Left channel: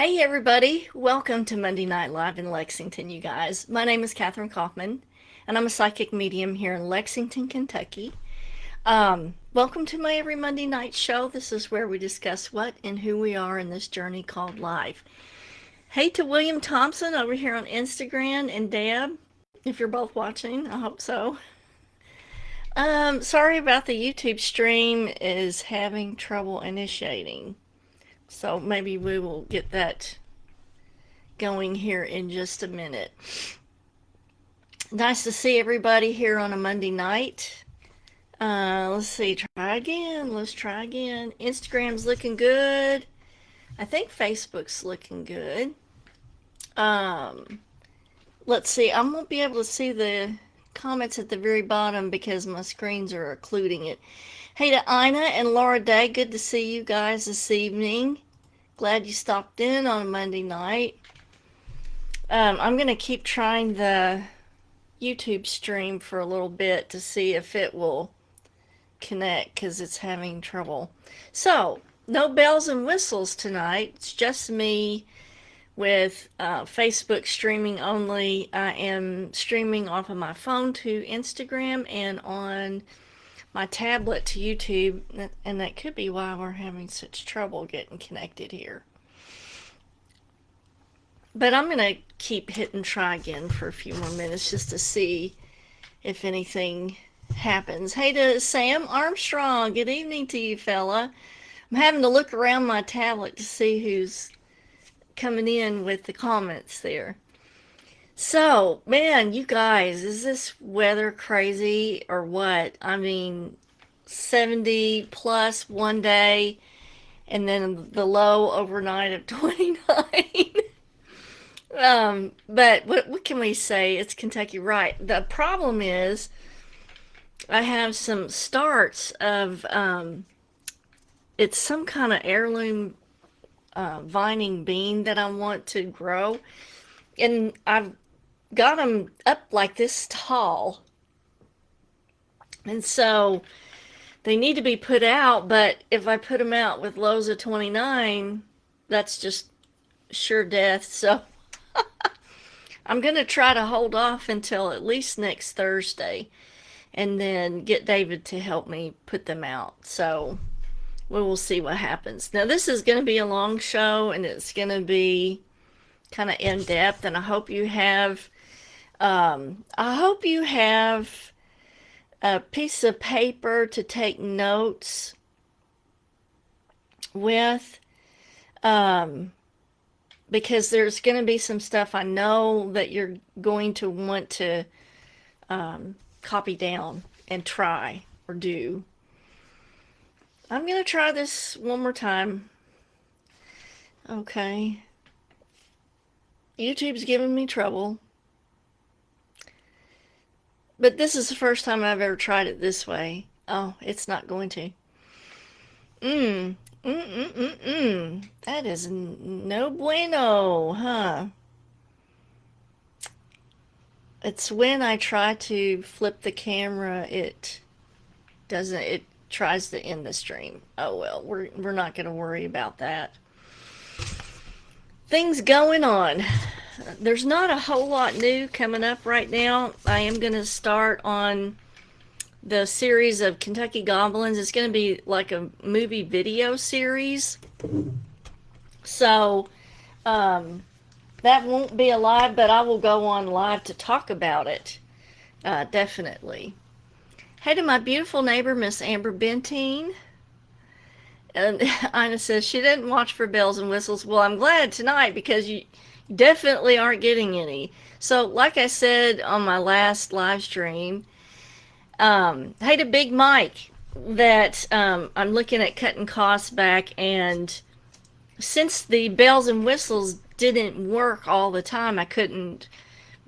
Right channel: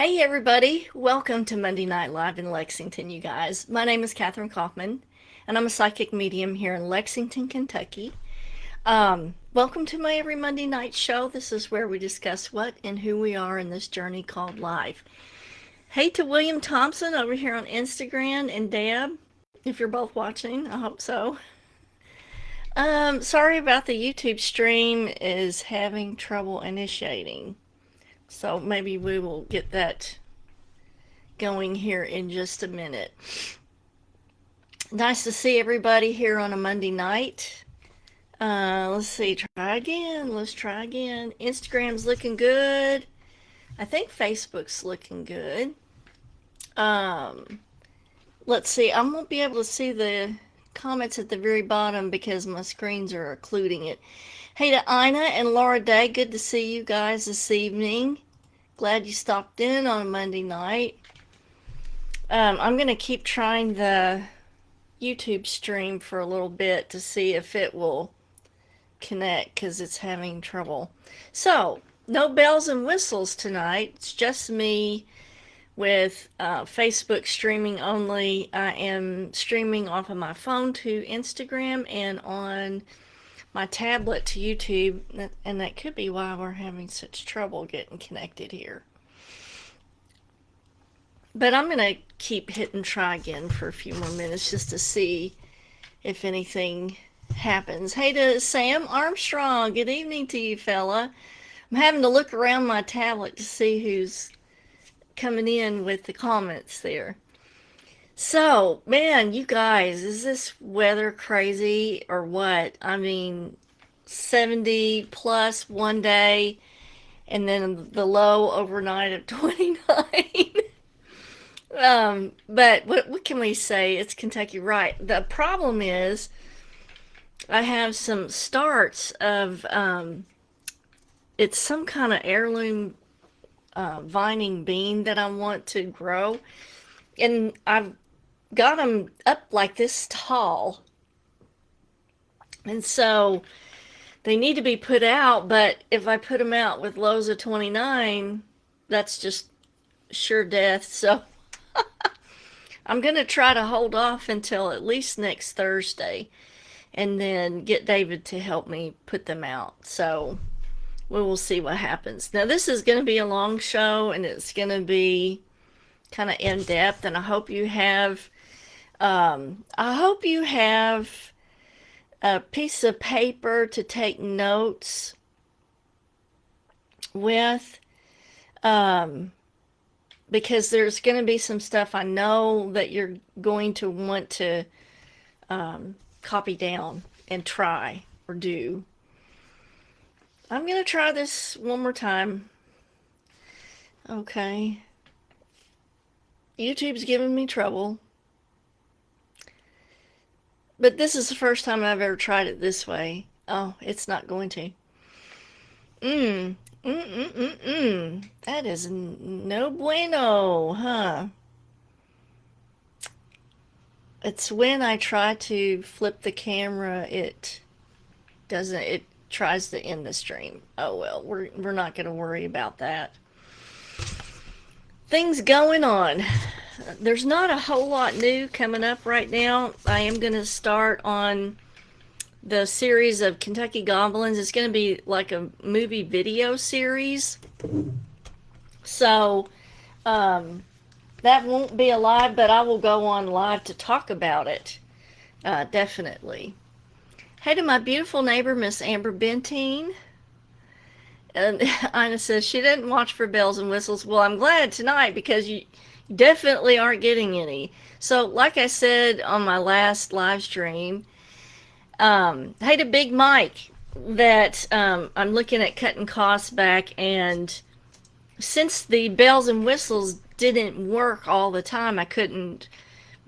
Hey everybody, welcome to Monday Night Live in Lexington, you guys. My name is Kathryn Kauffman, and I'm a psychic medium here in Lexington, Kentucky. Welcome to my every Monday night show. This is where we discuss what and who we are in this journey called life. Hey to William Thompson over here on Instagram, and Deb, if you're both watching, I hope so. Sorry about the YouTube stream is having trouble initiating. So maybe we will get that going here in just a minute. Nice to see everybody here on a Monday night. Let's see, try again. Let's try again. Instagram's looking good. I think Facebook's looking good. Let's see, I won't be able to see the comments at the very bottom because my screens are occluding it. Hey to Ina and Laura Day, good to see you guys this evening. Glad you stopped in on a Monday night. I'm going to keep trying the YouTube stream for a little bit to see if it will connect because it's having trouble. So, no bells and whistles tonight. It's just me with Facebook streaming only. I am streaming off of my phone to Instagram and on my tablet to YouTube, and that could be why we're having such trouble getting connected here. But I'm going to keep hitting try again for a few more minutes just to see if anything happens. Hey to Sam Armstrong, good evening to you, fella. I'm having to look around my tablet to see who's coming in with the comments there. So, man, you guys, is this weather crazy or what? I mean, 70 plus one day and then the low overnight of 29. But what can we say? It's Kentucky, right? The problem is I have some starts of, it's some kind of heirloom vining bean that I want to grow. And I've got them up like this tall. And so they need to be put out, but if I put them out with lows of 29, that's just sure death. So I'm going to try to hold off until at least next Thursday and then get David to help me put them out. So we will see what happens. Now, this is going to be a long show, and it's going to be kind of in depth, and I hope you have a piece of paper to take notes with, because there's going to be some stuff I know that you're going to want to copy down and try or do. I'm going to try this one more time. Okay. YouTube's giving me trouble. But this is the first time I've ever tried it this way. Oh, it's not going to. That is no bueno, huh? It's when I try to flip the camera, it tries to end the stream. Oh well, we're not going to worry about that. Things going on. There's not a whole lot new coming up right now. I am going to start on the series of Kentucky Goblins. It's going to be like a movie video series. So that won't be a live, but I will go on live to talk about it. Definitely. Hey to my beautiful neighbor, Miss Amber Bentine. And Ina says she didn't watch for bells and whistles. Well, I'm glad tonight because you definitely aren't getting any. So, like I said on my last live stream, hey to Big Mike, that I'm looking at cutting costs back, and since the bells and whistles didn't work all the time, I couldn't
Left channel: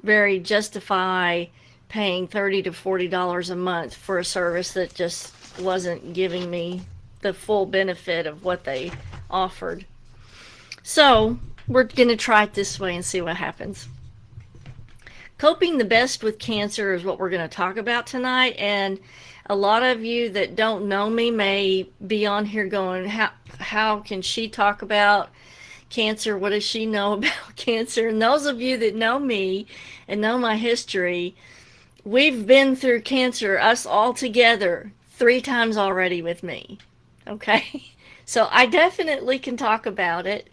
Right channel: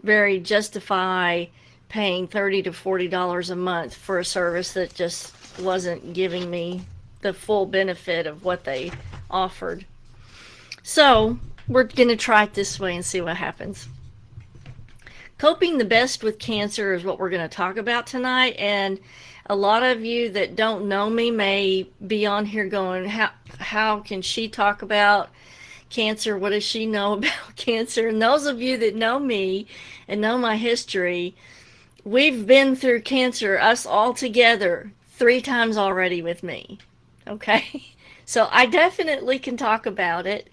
very justify paying $30 to $40 a month for a service that just wasn't giving me the full benefit of what they offered. So we're going to try it this way and see what happens. Coping the best with cancer is what we're going to talk about tonight, and a lot of you that don't know me may be on here going, how can she talk about cancer? What does she know about cancer? And those of you that know me and know my history, we've been through cancer, us all together, 3 times already with me. Okay? So I definitely can talk about it,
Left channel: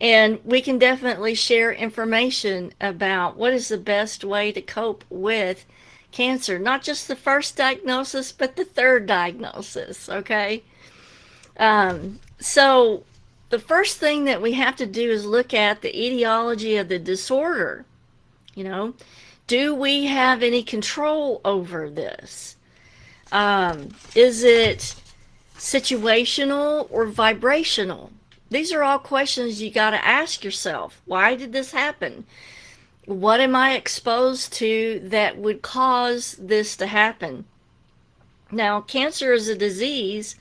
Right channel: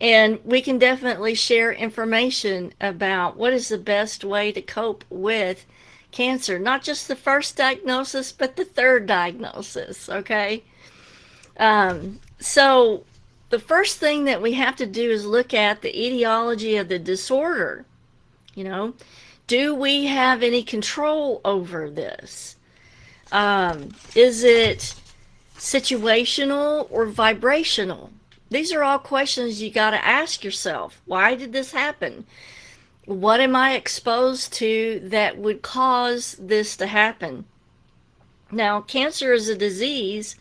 and we can definitely share information about what is the best way to cope with cancer. Not just the first diagnosis, but the third diagnosis. Okay? So the first thing that we have to do is look at the etiology of the disorder. You know, do we have any control over this? Is it situational or vibrational? These are all questions you got to ask yourself. Why did this happen? What am I exposed to that would cause this to happen? Now, cancer is a disease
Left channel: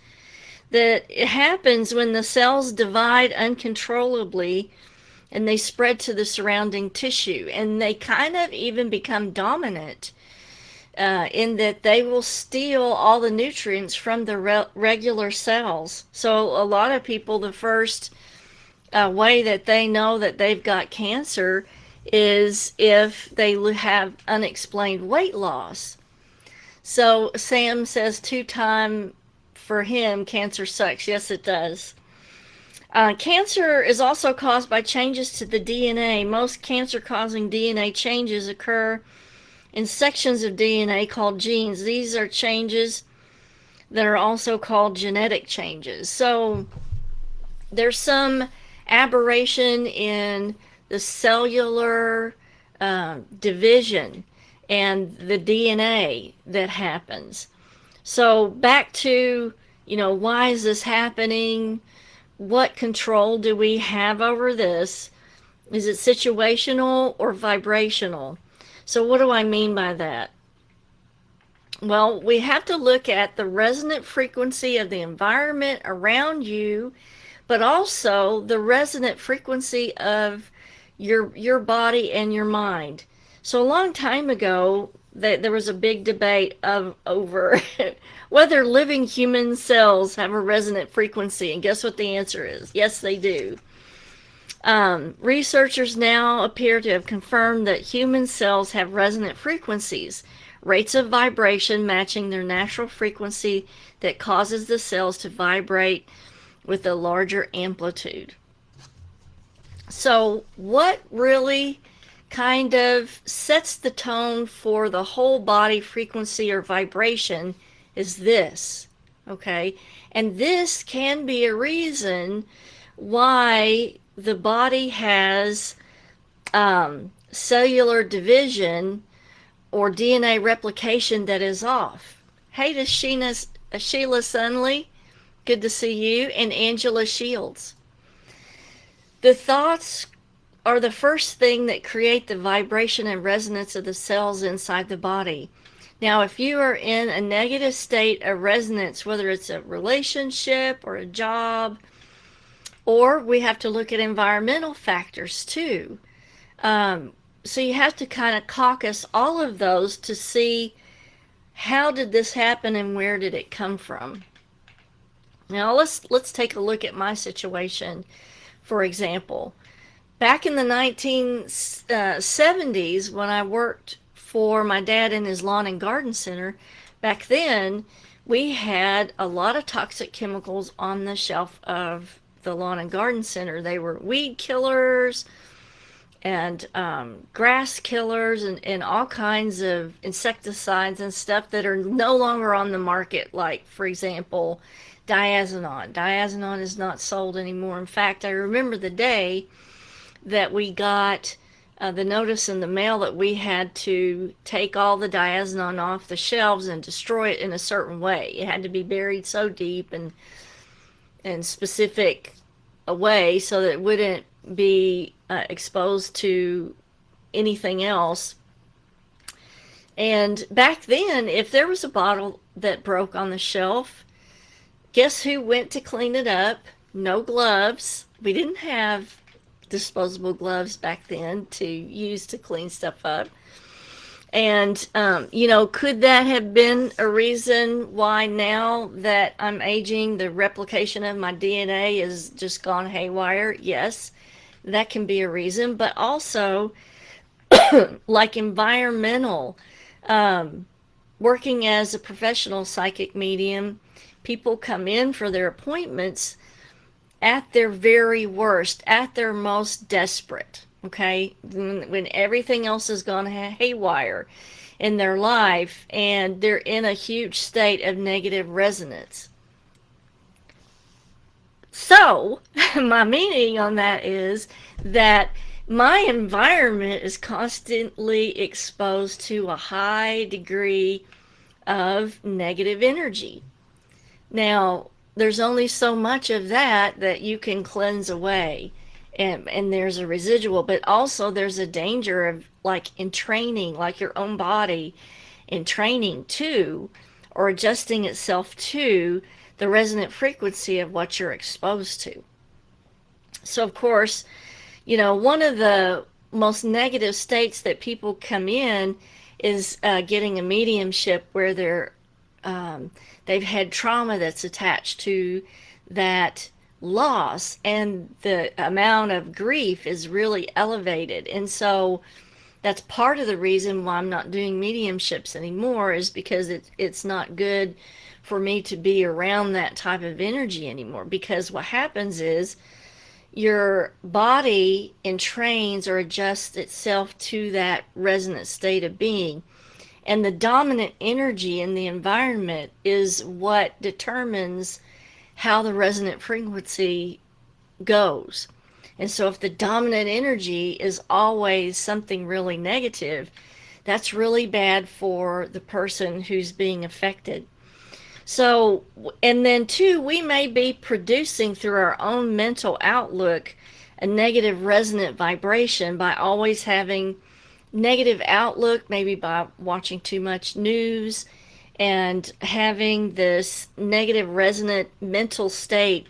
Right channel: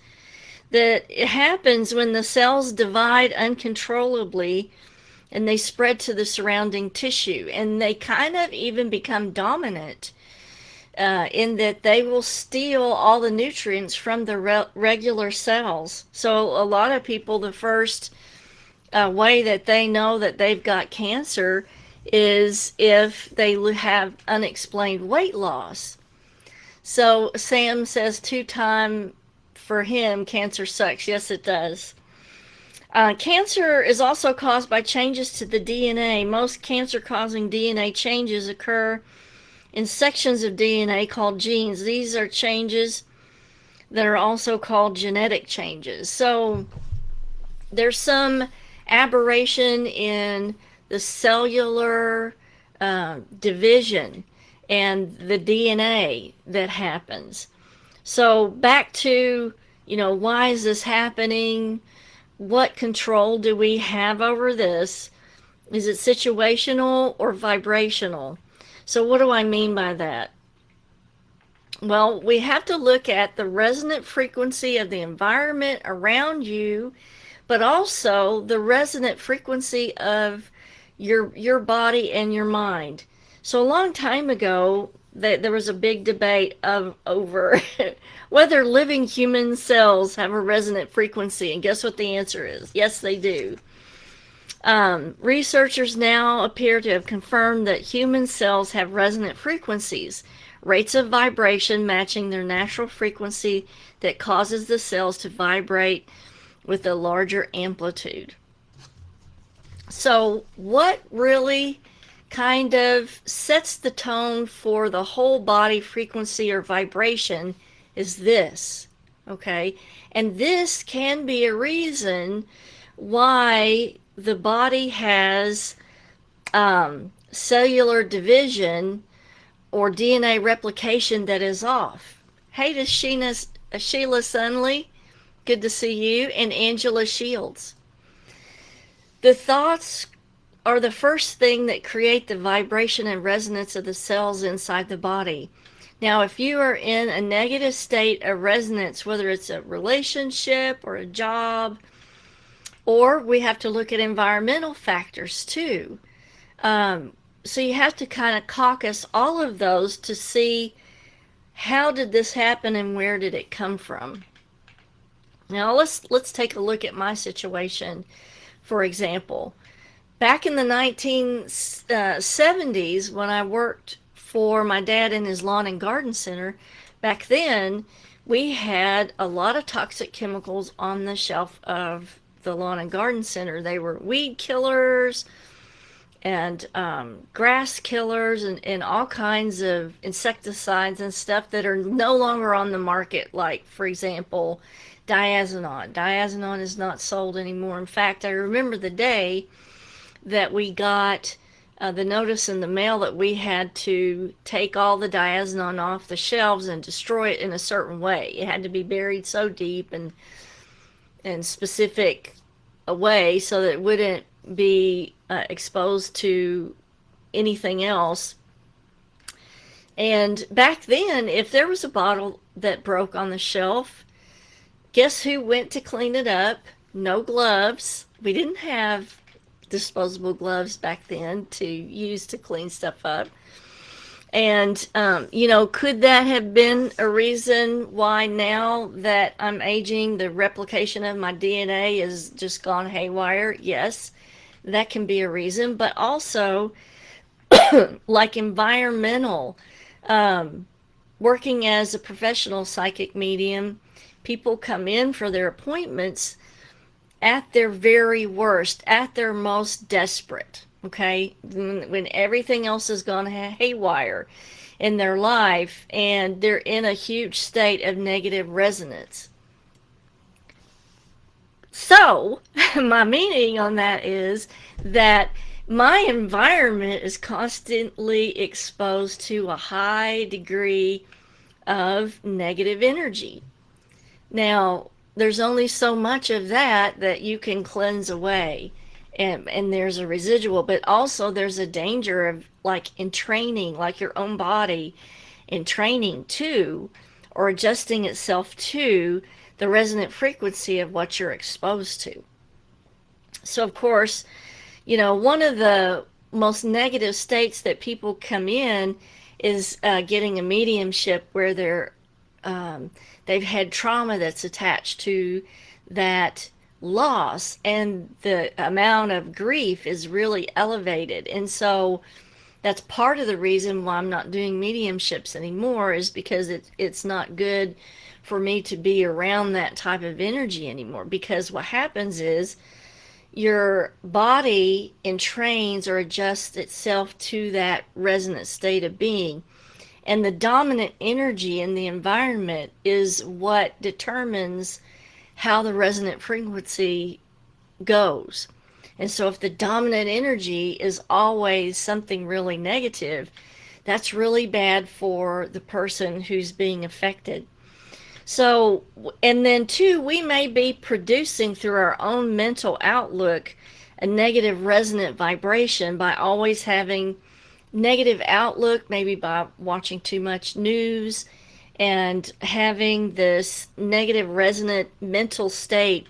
that it happens when the cells divide uncontrollably and they spread to the surrounding tissue, and they kind of even become dominant in that they will steal all the nutrients from the regular cells. So a lot of people, the first way that they know that they've got cancer is if they have unexplained weight loss. So Sam says 2-time for him, cancer sucks. Yes, it does. Cancer is also caused by changes to the DNA. Most cancer-causing DNA changes occur in sections of DNA called genes. These are changes that are also called genetic changes. So there's some aberration in the cellular division and the DNA that happens. So back to, why is this happening? What control do we have over this? Is it situational or vibrational? So what do I mean by that? Well, we have to look at the resonant frequency of the environment around you, but also the resonant frequency of your body and your mind. So a long time ago, there was a big debate over whether living human cells have a resonant frequency, and guess what the answer is? Yes, they do. Researchers now appear to have confirmed that human cells have resonant frequencies, rates of vibration matching their natural frequency that causes the cells to vibrate with a larger amplitude. So what really kind of sets the tone for the whole body frequency or vibration is this, okay? And this can be a reason why the body has cellular division or DNA replication that is off. Hey to Sheila Sunley, good to see you, and Angela Shields. The thoughts are the first thing that create the vibration and resonance of the cells inside the body. Now, if you are in a negative state of resonance, whether it's a relationship or a job, or we have to look at environmental factors too. So you have to kind of caucus all of those to see how did this happen and where did it come from. Now let's take a look at my situation, for example. Back in the 1970s, when I worked for my dad in his lawn and garden center, back then we had a lot of toxic chemicals on the shelf of the lawn and garden center. They were weed killers and grass killers and all kinds of insecticides and stuff that are no longer on the market, like, for example, diazinon. Diazinon is not sold anymore. In fact, I remember the day that we got the notice in the mail that we had to take all the diazinon off the shelves and destroy it in a certain way. It had to be buried so deep and specific a way so that it wouldn't be exposed to anything else. And back then, if there was a bottle that broke on the shelf, guess who went to clean it up? No gloves. We didn't have disposable gloves back then to use to clean stuff up. And, could that have been a reason why now that I'm aging, the replication of my DNA is just gone haywire? Yes. That can be a reason, but also like environmental, um, working as a professional psychic medium, people come in for their appointments at their very worst, at their most desperate, okay? When everything else has gone haywire in their life and they're in a huge state of negative resonance. So, my meaning on that is that my environment is constantly exposed to a high degree of negative energy. Now, there's only so much of that you can cleanse away. And there's a residual, but also there's a danger of like entraining, like your own body entraining to or adjusting itself to the resonant frequency of what you're exposed to. So, of course, one of the most negative states that people come in is getting a mediumship where they've had trauma that's attached to that loss, and the amount of grief is really elevated. And so that's part of the reason why I'm not doing mediumships anymore, is because it's not good for me to be around that type of energy anymore. Because what happens is your body entrains or adjusts itself to that resonant state of being. And the dominant energy in the environment is what determines how the resonant frequency goes. And so if the dominant energy is always something really negative, that's really bad for the person who's being affected. So, and then too, we may be producing through our own mental outlook a negative resonant vibration by always having negative outlook, maybe by watching too much news and having this negative resonant mental state.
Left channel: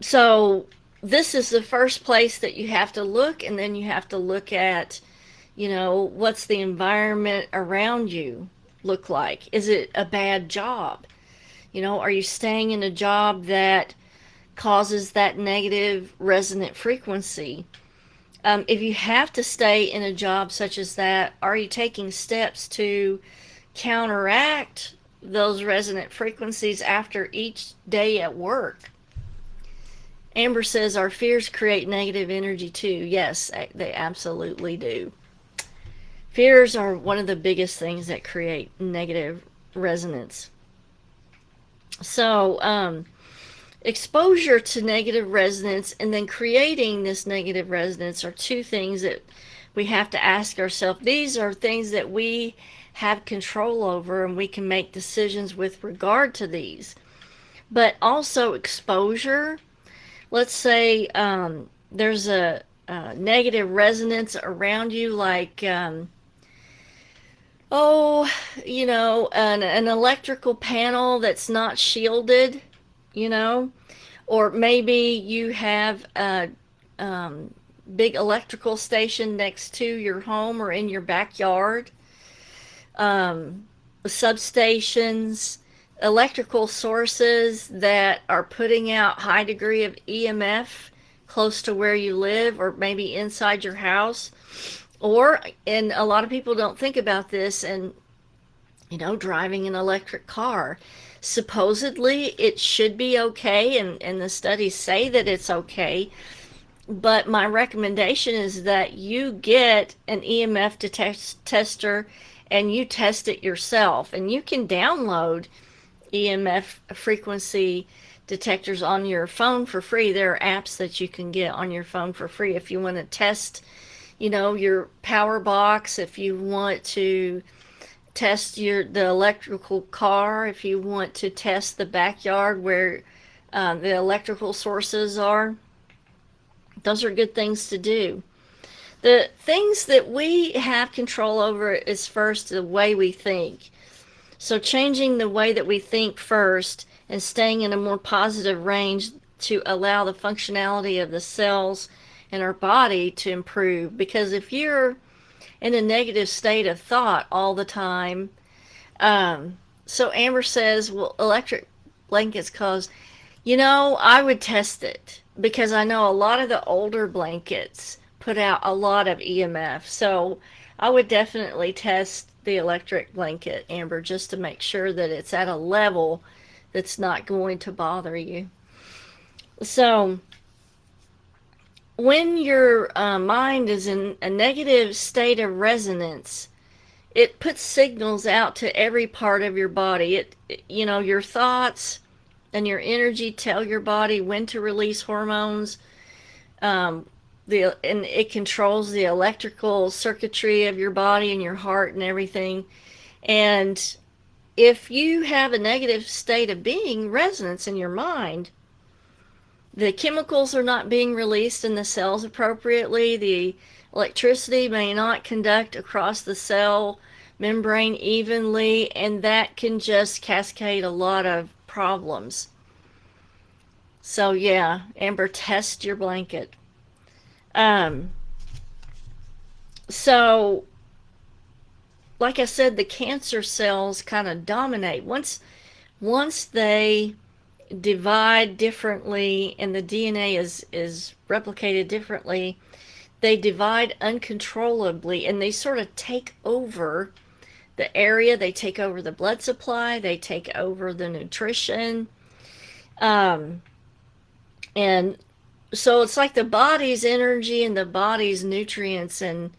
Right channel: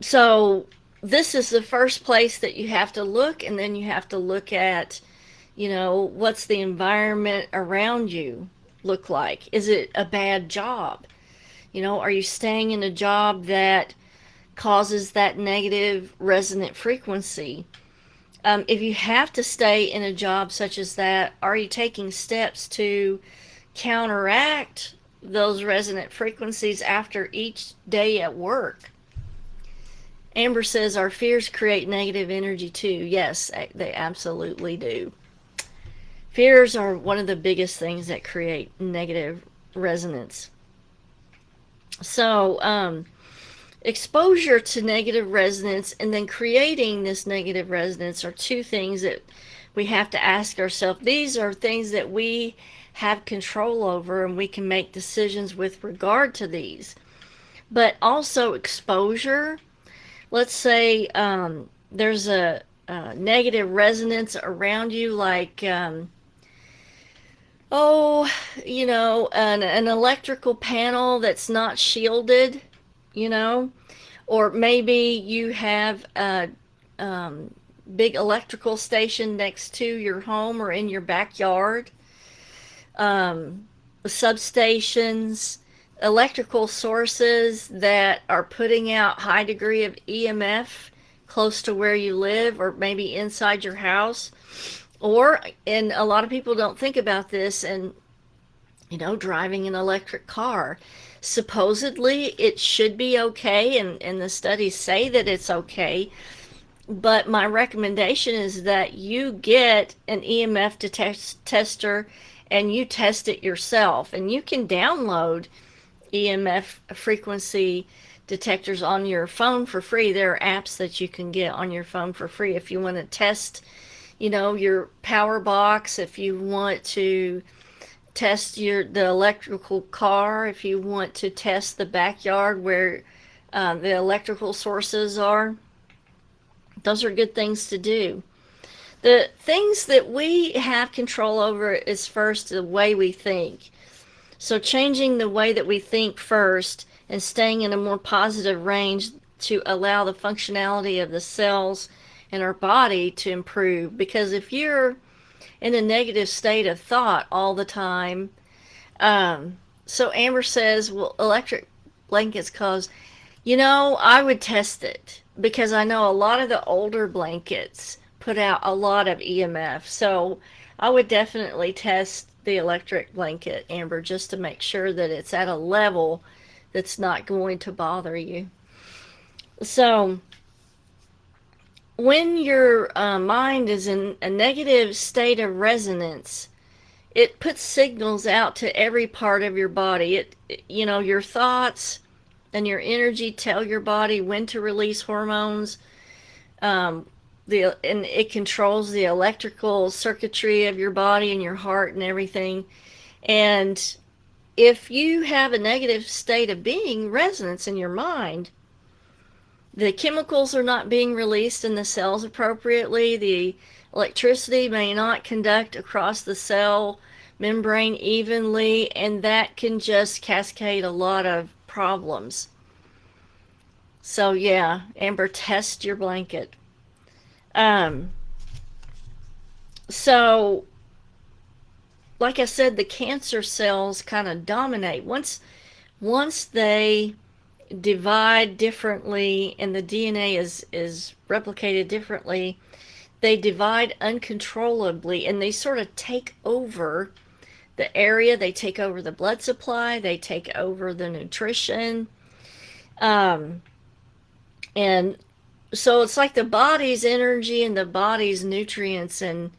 So this is the first place that you have to look, and then you have to look at, what's the environment around you look like? Is it a bad job? Are you staying in a job that causes that negative resonant frequency? If you have to stay in a job such as that, are you taking steps to counteract those resonant frequencies after each day at work? Amber says our fears create negative energy too. Yes, they absolutely do. Fears are one of the biggest things that create negative resonance. So, exposure to negative resonance and then creating this negative resonance are two things that we have to ask ourselves. These are things that we have control over, and we can make decisions with regard to these. But also exposure. Let's say there's a negative resonance around you, like an electrical panel that's not shielded, or maybe you have a big electrical station next to your home or in your backyard, substations, electrical sources that are putting out high degree of EMF close to where you live, or maybe inside your house. And a lot of people don't think about this, and driving an electric car, supposedly it should be okay, and the studies say that it's okay, but my recommendation is that you get an EMF tester and you test it yourself. And you can download EMF frequency detectors on your phone for free. There are apps that you can get on your phone for free if you want to test, your power box, if you want to test the electrical car, if you want to test the backyard where the electrical sources are. Those are good things to do. The things that we have control over is first the way we think. So changing the way that we think first and staying in a more positive range to allow the functionality of the cells in our body to improve. Because if you're in a negative state of thought all the time, so Amber says, well, electric blankets cause, I would test it. because I know a lot of the older blankets put out a lot of EMF. So I would definitely test the electric blanket, Amber, just to make sure that it's at a level that's not going to bother you. So when your mind is in a negative state of resonance, it puts signals out to every part of your body. Your thoughts and your energy tell your body when to release hormones. And it controls the electrical circuitry of your body and your heart and everything. And if you have a negative state of being, resonance in your mind, the chemicals are not being released in the cells appropriately. The electricity may not conduct across the cell membrane evenly, and that can just cascade a lot of problems. So yeah, Amber, test your blanket. So like I said, the cancer cells kind of dominate. Once they divide differently and the DNA is replicated differently, they divide uncontrollably, and they sort of take over the area. They take over the blood supply, they take over the nutrition, and so it's like the body's energy and the body's nutrients and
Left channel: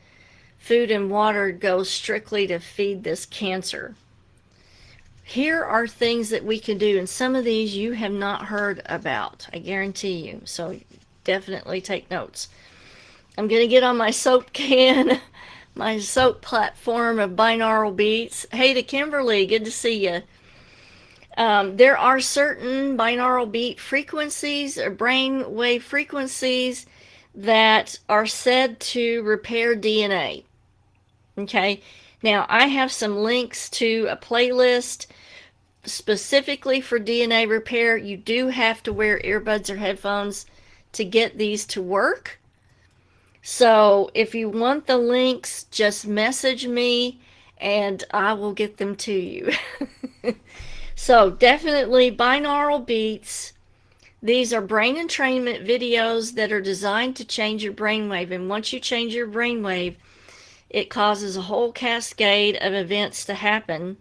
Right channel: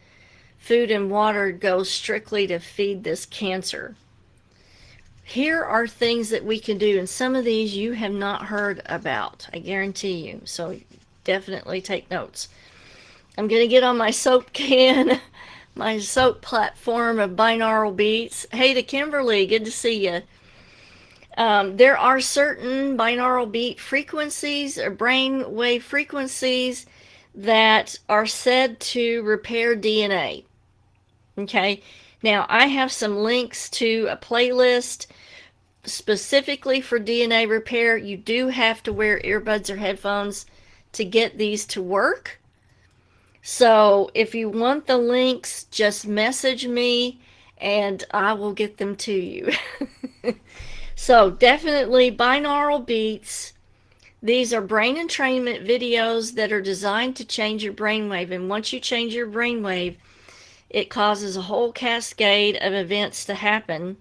food and water goes strictly to feed this cancer. Here are things that we can do, and some of these you have not heard about, I guarantee you, so definitely take notes. I'm going to get on my soap can, my soap platform of binaural beats. Hey to Kimberly, good to see you. There are certain binaural beat frequencies or brain wave frequencies that are said to repair DNA. Okay, now I have some links to a playlist specifically for DNA repair. You do have to wear earbuds or headphones to get these to work. So if you want the links, just message me and I will get them to you. So definitely binaural beats. These are brain entrainment videos that are designed to change your brainwave. And once you change your brainwave, it causes a whole cascade of events to happen,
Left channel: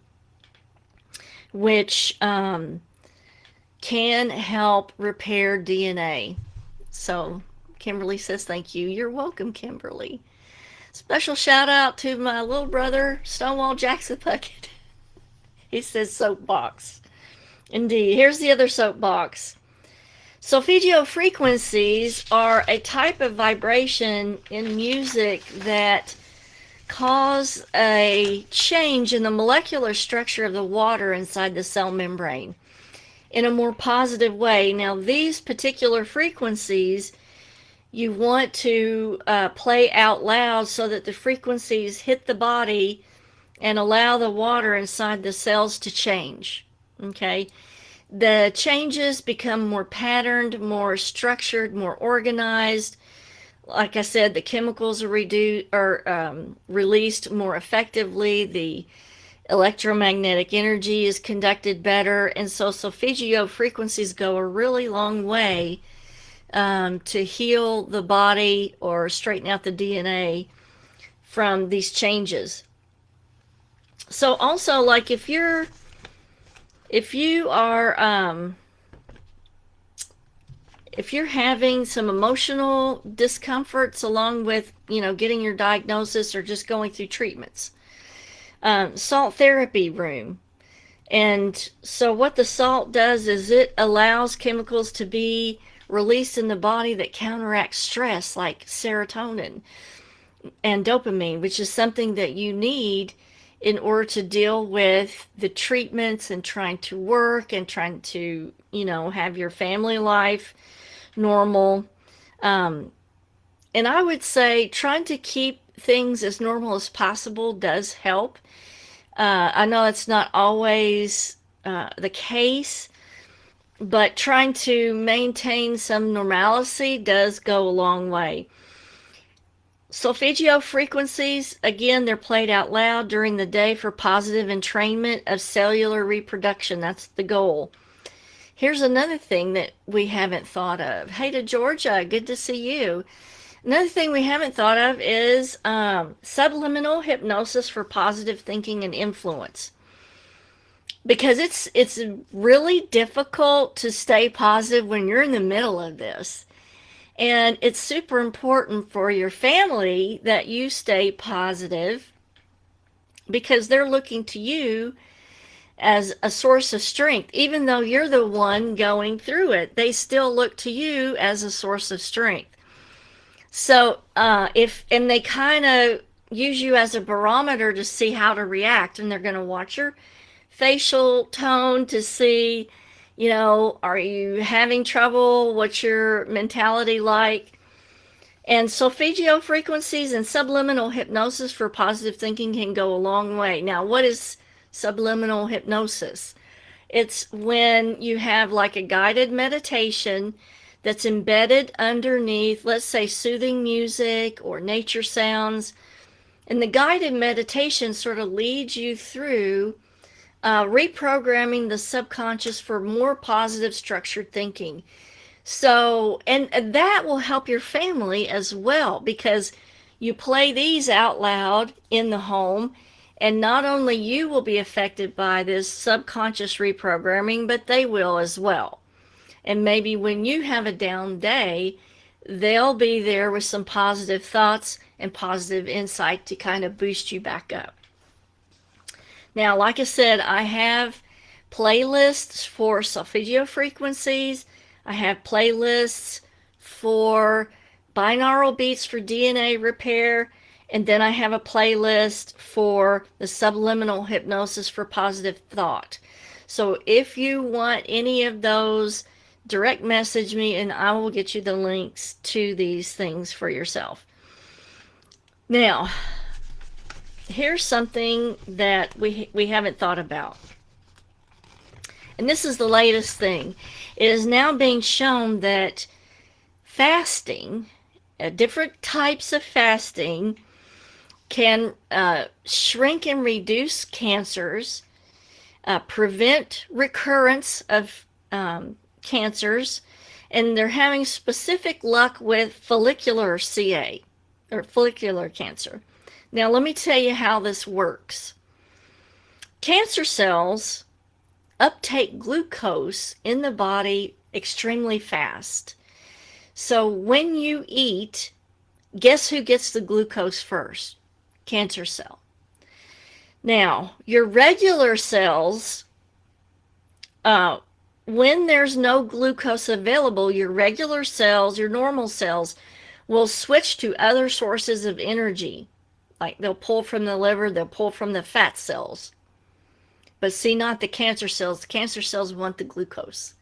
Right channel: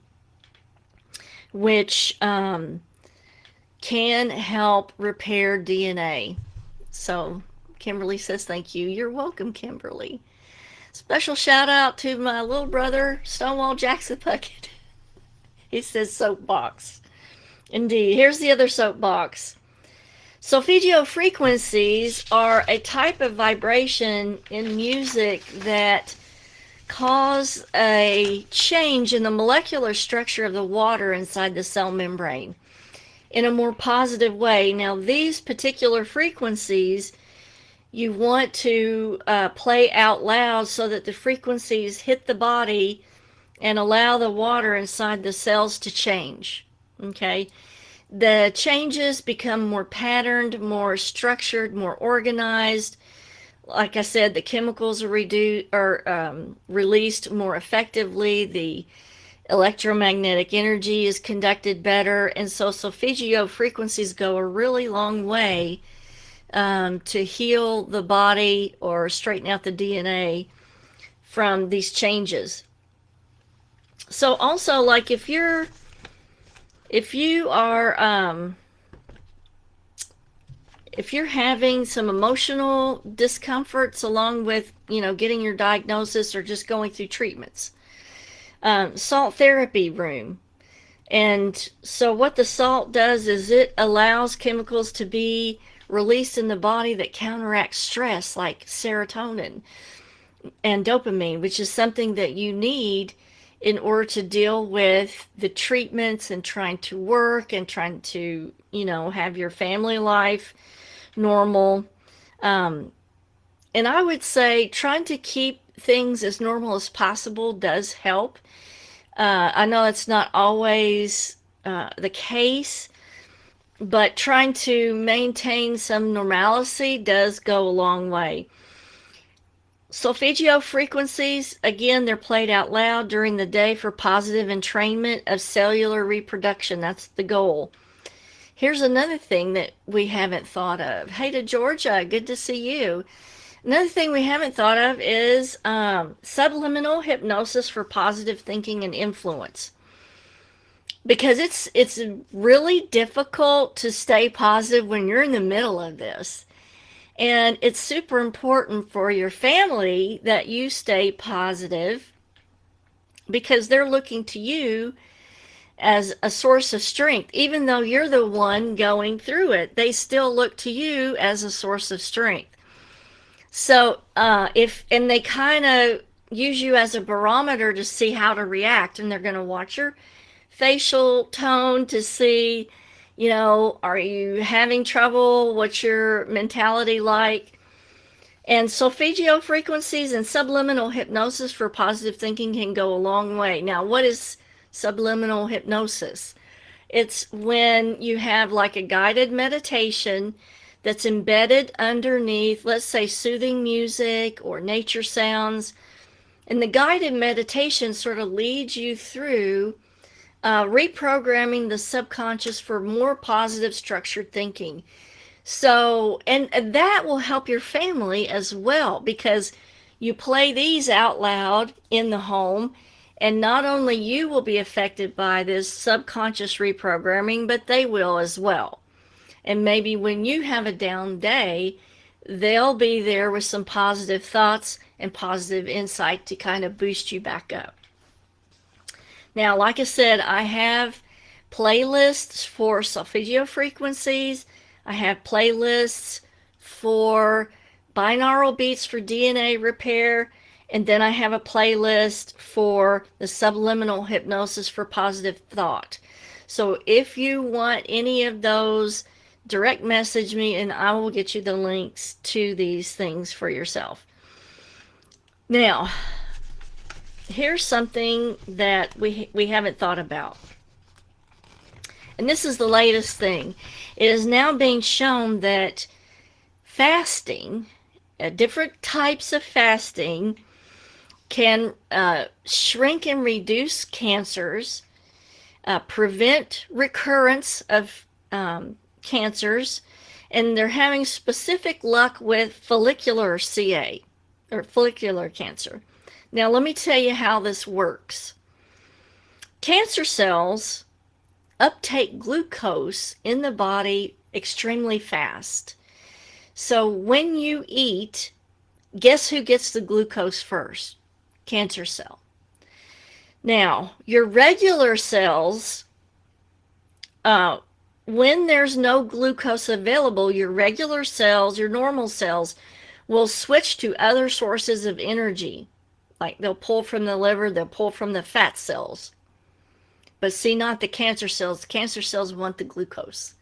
which can help repair DNA. So Kimberly says thank you. You're welcome, Kimberly. Special shout out to my little brother, Stonewall Jackson Puckett. He says soapbox. Indeed. Here's the other soapbox. Solfeggio frequencies are a type of vibration in music that cause a change in the molecular structure of the water inside the cell membrane in a more positive way. Now, these particular frequencies you want to play out loud so that the frequencies hit the body and allow the water inside the cells to change. Okay, the changes become more patterned, more structured, more organized. Like I said, the chemicals are released more effectively. The electromagnetic energy is conducted better, and so Solfeggio frequencies go a really long way to heal the body or straighten out the DNA from these changes. So also, like if you are if you're having some emotional discomforts along with getting your diagnosis or just going through treatments, salt therapy room. And so what the salt does is it allows chemicals to be released in the body that counteract stress, like serotonin and dopamine, which is something that you need in order to deal with the treatments and trying to work and trying to, have your family life normal. And I would say trying to keep things as normal as possible does help. I know it's not always the case, but trying to maintain some normalcy does go a long way. Solfeggio frequencies, again, they're played out loud during the day for positive entrainment of cellular reproduction. That's the goal. Here's another thing that we haven't thought of. Hey to Georgia, good to see you. Another thing we haven't thought of is subliminal hypnosis for positive thinking and influence. Because it's really difficult to stay positive when you're in the middle of this. And it's super important for your family that you stay positive because they're looking to you as a source of strength. Even though you're the one going through it, they still look to you as a source of strength. So and they kind of use you as a barometer to see how to react, and they're going to watch your facial tone to see, are you having trouble? What's your mentality like? And Solfeggio frequencies and subliminal hypnosis for positive thinking can go a long way. Now, what is subliminal hypnosis? It's when you have like a guided meditation that's embedded underneath, let's say, soothing music or nature sounds. And the guided meditation sort of leads you through reprogramming the subconscious for more positive structured thinking. So, and that will help your family as well, because you play these out loud in the home, and not only you will be affected by this subconscious reprogramming, but they will as well. And maybe when you have a down day, they'll be there with some positive thoughts and positive insight to kind of boost you back up. Now, like I said, I have playlists for Solfeggio frequencies. I have playlists for binaural beats for DNA repair. And then I have a playlist for the subliminal hypnosis for positive thought. So if you want any of those, direct message me and I will get you the links to these things for yourself. Now, here's something that we haven't thought about. And this is the latest thing. It is now being shown that fasting, different types of fasting, can shrink and reduce cancers, prevent recurrence of cancers, and they're having specific luck with follicular CA, or follicular cancer. Now, let me tell you how this works. Cancer cells uptake glucose in the body extremely fast. So when you eat, guess who gets the glucose first? Cancer cell. Now, your regular cells, when there's no glucose available, your regular cells, your normal cells, will switch to other sources of energy. Like they'll pull from the liver, they'll pull from the fat cells. But see, not the cancer cells. The cancer cells want the glucose.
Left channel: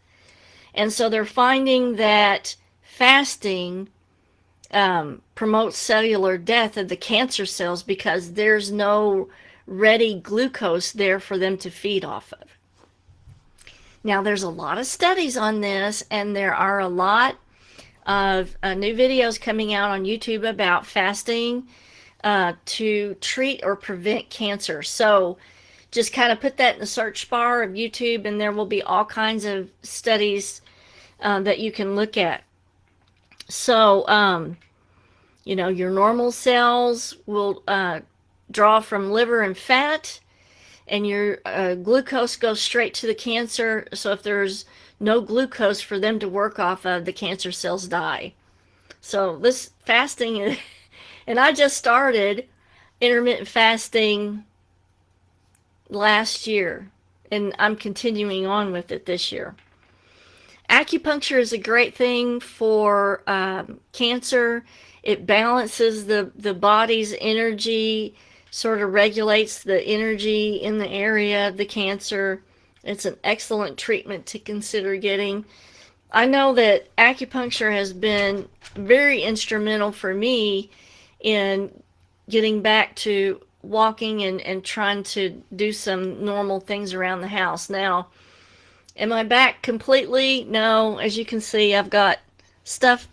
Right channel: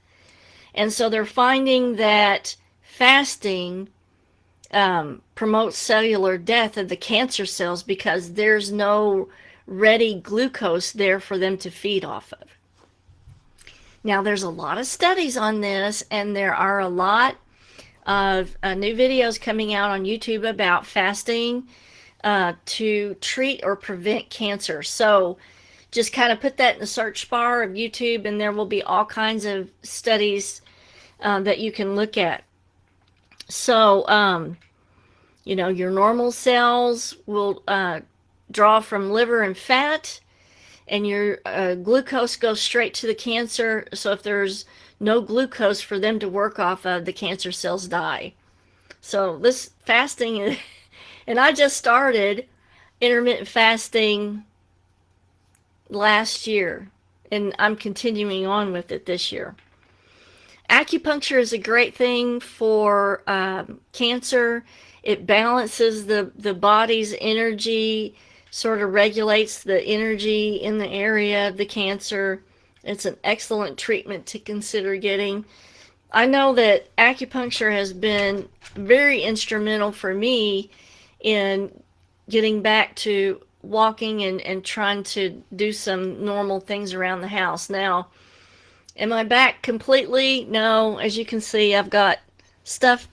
And so they're finding that fasting promotes cellular death of the cancer cells because there's no ready glucose there for them to feed off of. Now, there's a lot of studies on this, and there are a lot of new videos coming out on YouTube about fasting to treat or prevent cancer. So just kind of put that in the search bar of YouTube, and there will be all kinds of studies that you can look at. So, your normal cells will draw from liver and fat, and your glucose goes straight to the cancer. So if there's no glucose for them to work off of, the cancer cells die. So this fasting, and I just started intermittent fasting last year, and I'm continuing on with it this year. Acupuncture is a great thing for cancer. It balances the body's energy, sort of regulates the energy in the area of the cancer. It's an excellent treatment to consider getting. I know that acupuncture has been very instrumental for me in getting back to walking and trying to do some normal things around the house. Now, am I back completely? No. As you can see, I've got stuff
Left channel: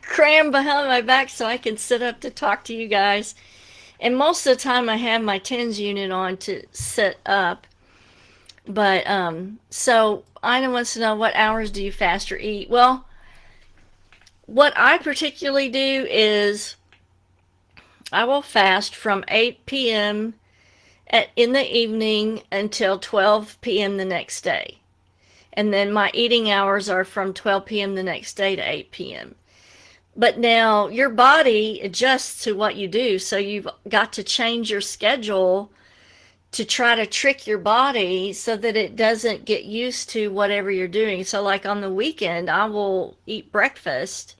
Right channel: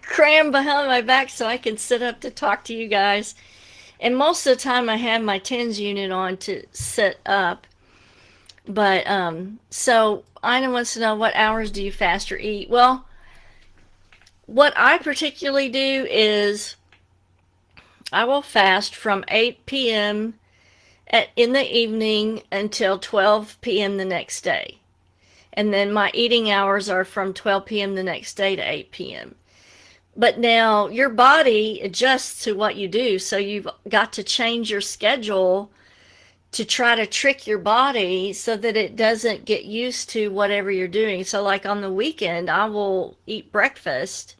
crammed behind my back so I can sit up to talk to you guys. And most of the time I have my TENS unit on to sit up. But so Ina wants to know, what hours do you fast or eat? Well, what I particularly do is I will fast from 8 p.m. In the evening until 12 p.m. the next day. And then my eating hours are from 12 p.m. the next day to 8 p.m. But now your body adjusts to what you do, so you've got to change your schedule to try to trick your body so that it doesn't get used to whatever you're doing. So like on the weekend, I will eat breakfast.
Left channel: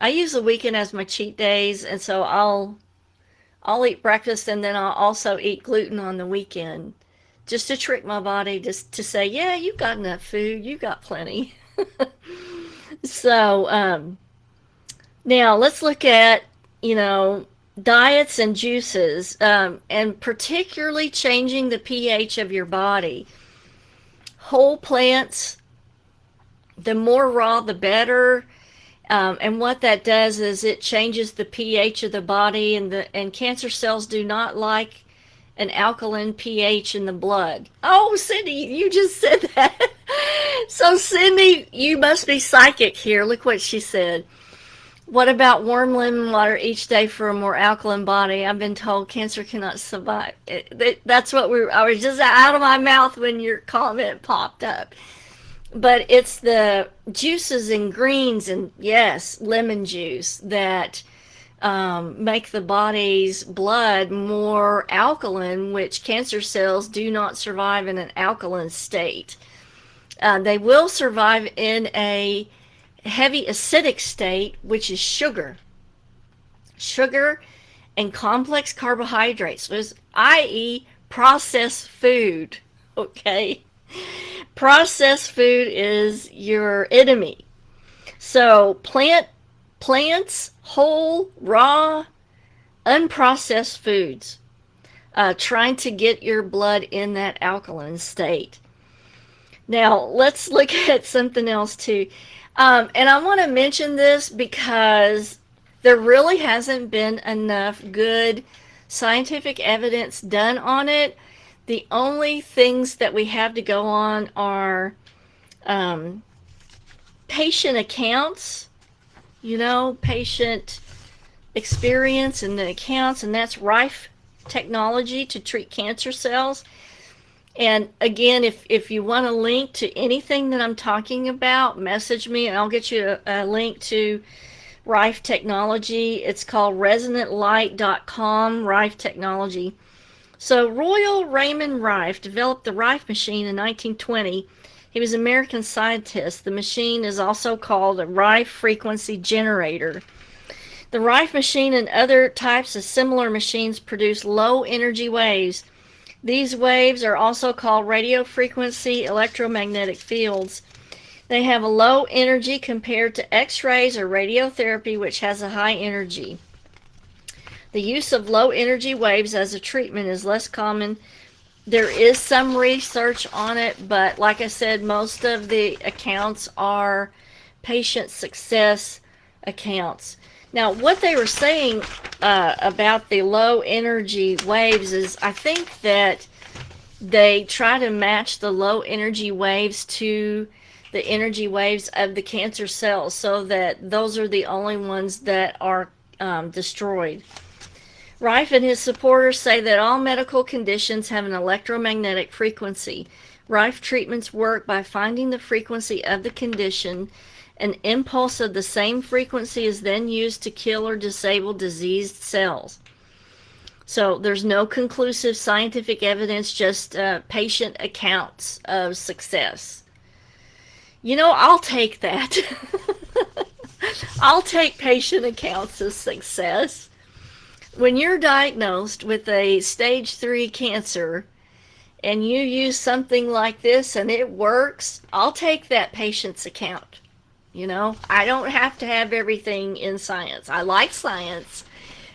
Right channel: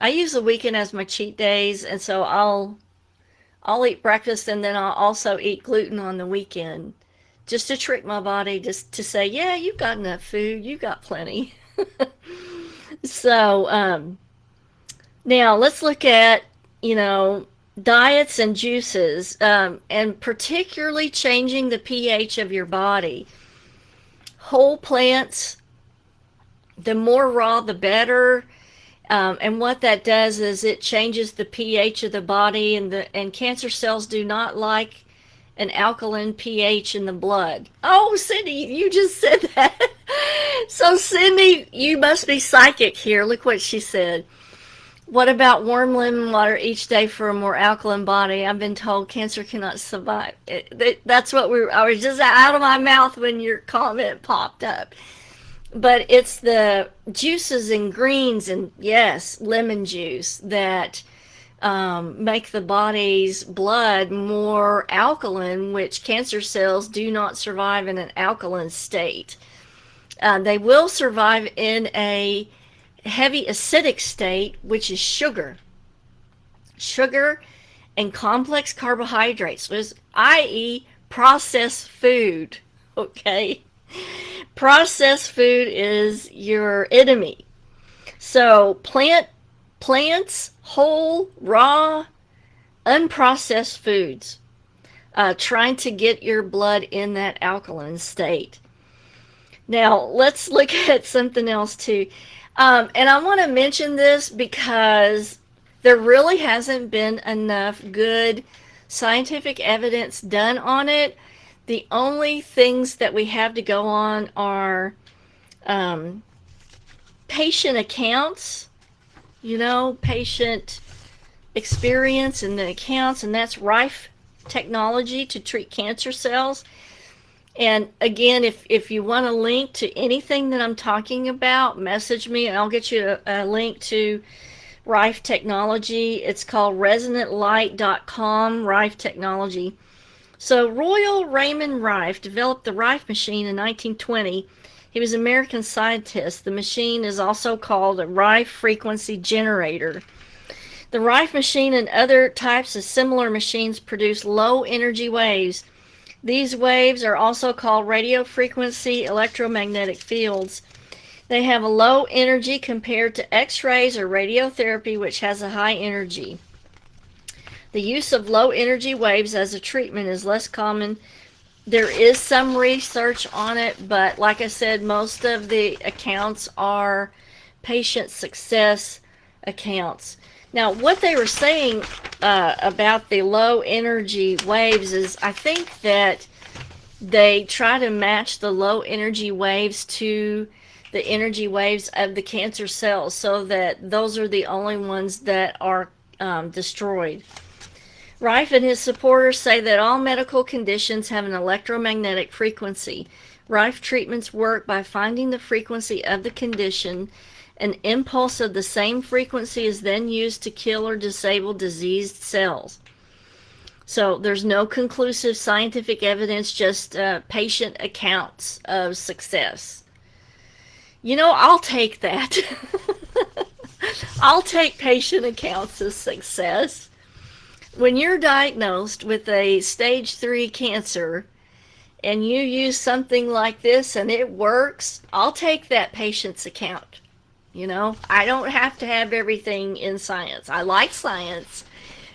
I use the weekend as my cheat days, and so I'll eat breakfast, and then I'll also eat gluten on the weekend, just to trick my body, just to say, yeah, you've got enough food, you've got plenty. So now let's look at, diets and juices, and particularly changing the pH of your body. Whole plants, the more raw, the better. And what that does is it changes the pH of the body, and cancer cells do not like an alkaline pH in the blood. Oh, Cindy, you just said that. So Cindy, you must be psychic here. Look what she said. What about warm lemon water each day for a more alkaline body? I've been told cancer cannot survive. That's what I was just out of my mouth when your comment popped up. But it's the juices and greens, and yes, lemon juice, that make the body's blood more alkaline, which cancer cells do not survive in an alkaline state. They will survive in a heavy acidic state, which is sugar and complex carbohydrates, i.e. processed food. Okay, processed food is your enemy. So plants, whole, raw, unprocessed foods, trying to get your blood in that alkaline state. Now let's look at something else too. And I want to mention this because there really hasn't been enough good scientific evidence done on it. The only things that we have to go on are patient accounts, patient experience and the accounts, and that's Rife technology to treat cancer cells. And again, if you want a link to anything that I'm talking about, message me and I'll get you a link to Rife technology. It's called resonantlight.com, Rife technology. So Royal Raymond Rife developed the Rife machine in 1920. He was an American scientist. The machine is also called a Rife frequency generator. The Rife machine and other types of similar machines produce low energy waves. These waves are also called radio frequency electromagnetic fields. They have a low energy compared to X-rays or radiotherapy, which has a high energy. The use of low energy waves as a treatment is less common. There is some research on it, but like I said, most of the accounts are patient success accounts. Now, what they were saying about the low energy waves is, I think that they try to match the low energy waves to the energy waves of the cancer cells, so that those are the only ones that are destroyed. Rife and his supporters say that all medical conditions have an electromagnetic frequency. Rife treatments work by finding the frequency of the condition. An impulse of the same frequency is then used to kill or disable diseased cells. So there's no conclusive scientific evidence, just patient accounts of success. I'll take that. I'll take patient accounts of success. When you're diagnosed with a stage 3 cancer and you use something like this and it works, I'll take that patient's account. I don't have to have everything in science. I like science,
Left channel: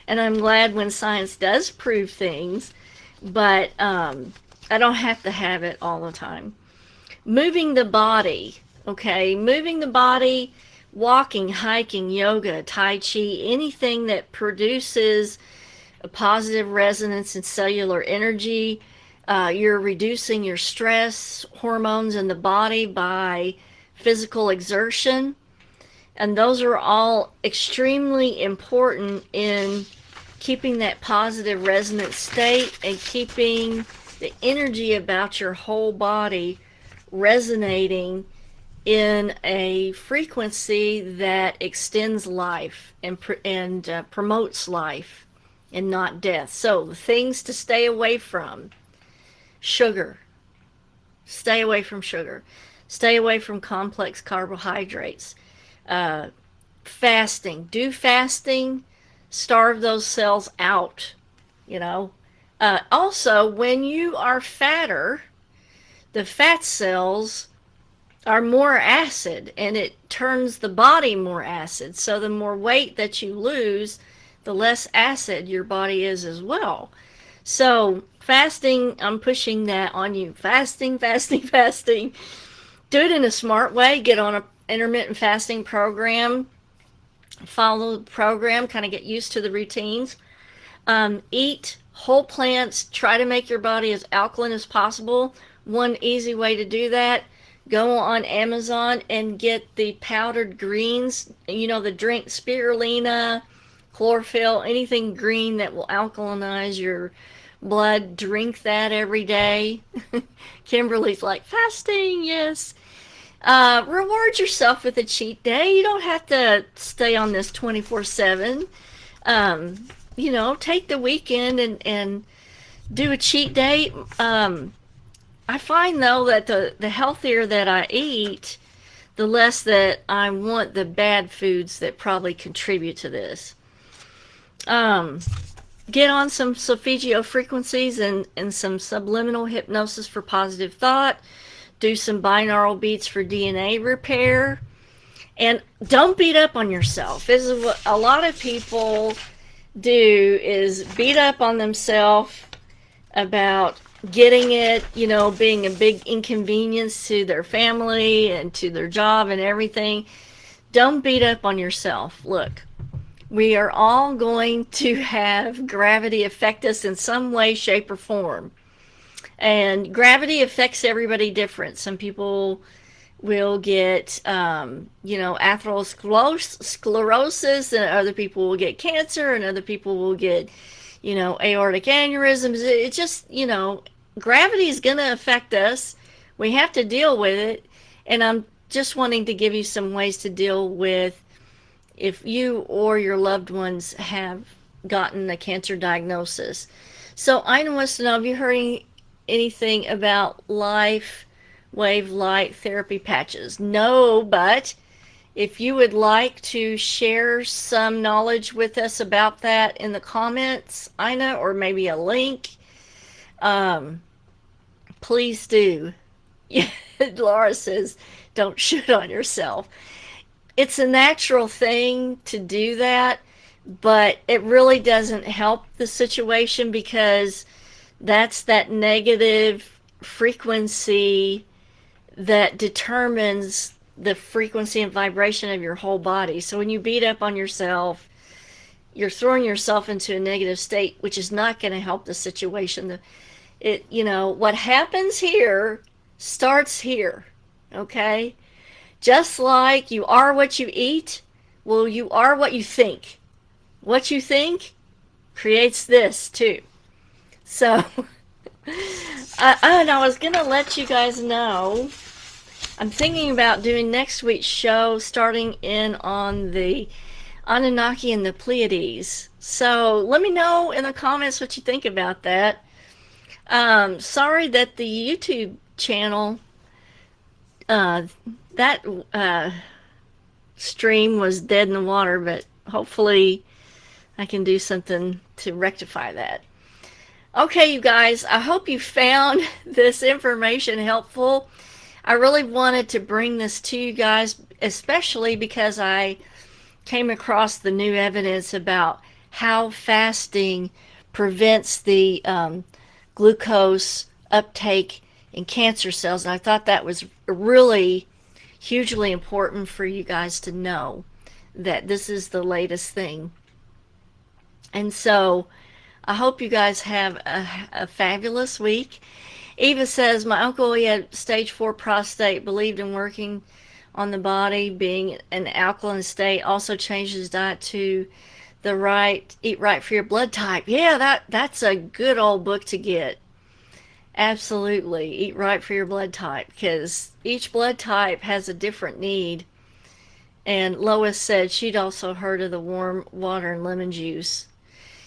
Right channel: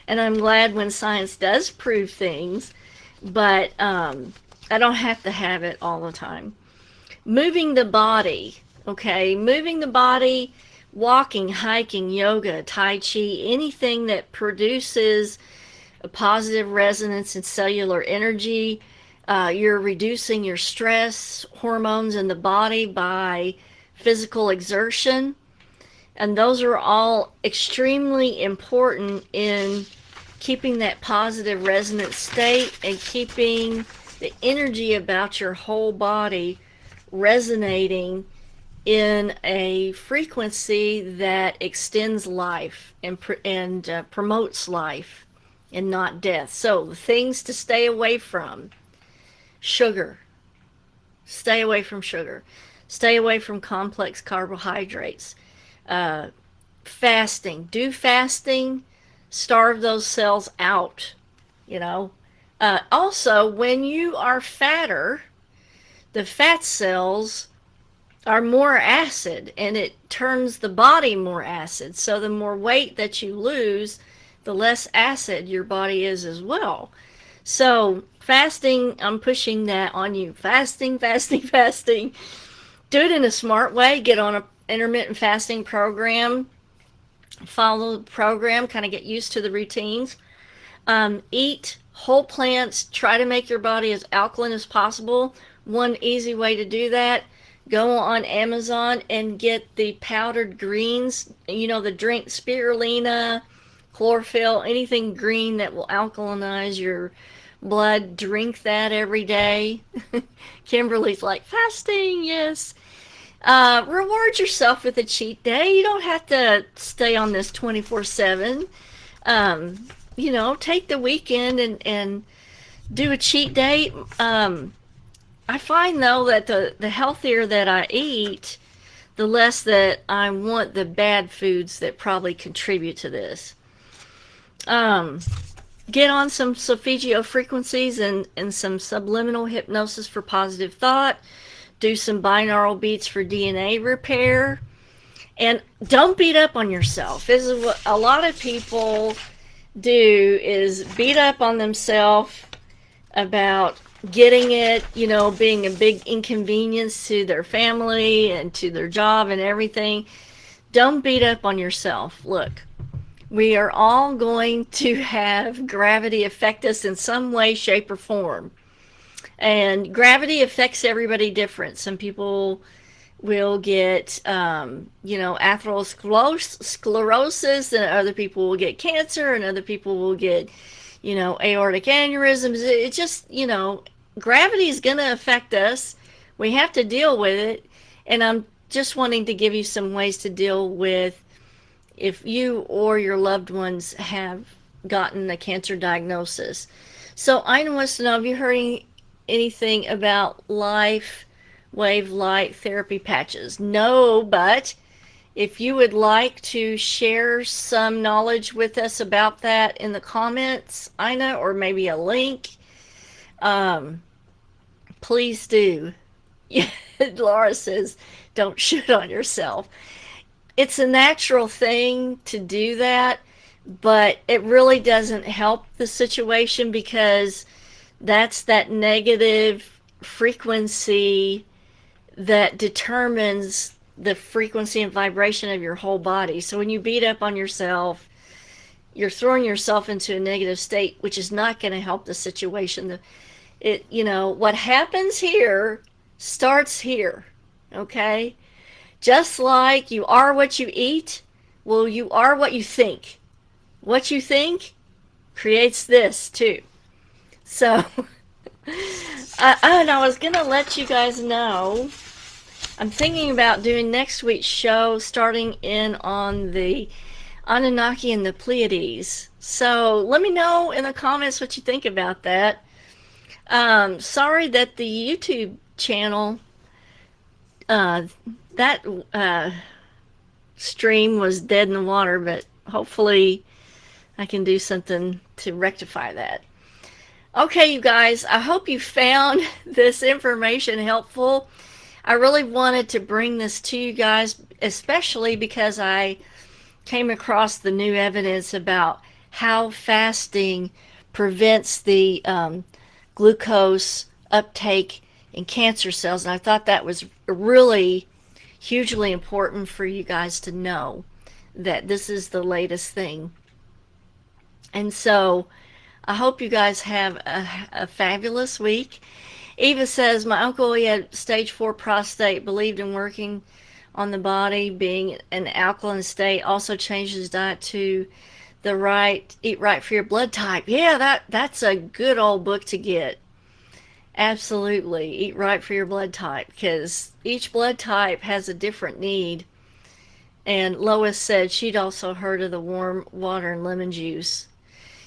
and I'm glad when science does prove things, but I don't have to have it all the time. Moving the body, okay? Moving the body, walking, hiking, yoga, tai chi, anything that produces a positive resonance and cellular energy. You're reducing your stress hormones in the body by physical exertion. And those are all extremely important in keeping that positive resonant state and keeping the energy about your whole body resonating in a frequency that extends life and promotes life and not death. So the things to stay away from: sugar. Stay away from sugar. Stay away from complex carbohydrates. Fasting. Do fasting. Starve those cells out. Also, when you are fatter, the fat cells are more acid, and it turns the body more acid. So the more weight that you lose, the less acid your body is as well. So fasting, I'm pushing that on you. Fasting, fasting, fasting. Do it in a smart way. Get on an intermittent fasting program. Follow the program. Kind of get used to the routines. Eat whole plants. Try to make your body as alkaline as possible. One easy way to do that: go on Amazon and get the powdered greens. The drink spirulina, chlorophyll, anything green that will alkalinize your blood. Drink that every day. Kimberly's like, fasting, yes. Reward yourself with a cheat day. You don't have to stay on this 24/7. Take the weekend and do a cheat day. I find, though, that the healthier that I eat, the less that I want the bad foods that probably contribute to this. Get on some Solfeggio frequencies and some subliminal hypnosis for positive thought. Do some binaural beats for DNA repair. And don't beat up on yourself. This is what a lot of people do, is beat up on themselves about getting it, being a big inconvenience to their family and to their job and everything. Don't beat up on yourself. Look, we are all going to have gravity affect us in some way, shape, or form. And gravity affects everybody different. Some people will get, atherosclerosis, and other people will get cancer, and other people will get, aortic aneurysms. It just, gravity is going to affect us. We have to deal with it. And I'm just wanting to give you some ways to deal with if you or your loved ones have gotten a cancer diagnosis. So I want to know, have you heard anything about life wave light therapy patches? No, but if you would like to share some knowledge with us about that in the comments, Ina, or maybe a link, please do. Laura says, don't shoot on yourself. It's a natural thing to do that, but it really doesn't help the situation, because that's that negative frequency that determines the frequency and vibration of your whole body. So when you beat up on yourself, you're throwing yourself into a negative state, which is not going to help the situation. What happens here starts here, okay? Just like you are what you eat, well, you are what you think. What you think creates this too. So, I was going to let you guys know, I'm thinking about doing next week's show starting in on the Anunnaki and the Pleiades. So let me know in the comments what you think about that. Sorry that the YouTube channel, that stream was dead in the water, but hopefully I can do something to rectify that. Okay, you guys, I hope you found this information helpful. I really wanted to bring this to you guys, especially because I came across the new evidence about how fasting prevents the glucose uptake in cancer cells. And I thought that was really hugely important for you guys to know that this is the latest thing. And so I hope you guys have a fabulous week. Eva says, my uncle, he had stage 4 prostate, believed in working on the body, being an alkaline state, also changed his diet to eat right for your blood type. Yeah, that's a good old book to get. Absolutely, eat right for your blood type, because each blood type has a different need. And Lois said she'd also heard of the warm water and lemon juice.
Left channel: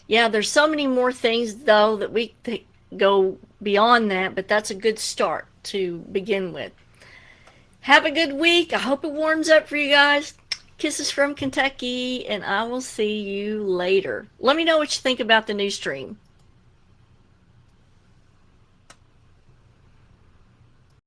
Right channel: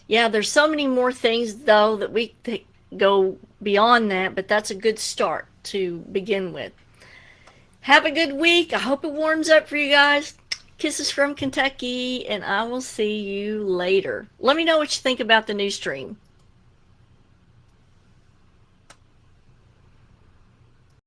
Yeah, there's so many more things, though, that we go beyond that, but that's a good start to begin with. Have a good week. I hope it warms up for you guys. Kisses from Kentucky, and I will see you later. Let me know what you think about the new stream.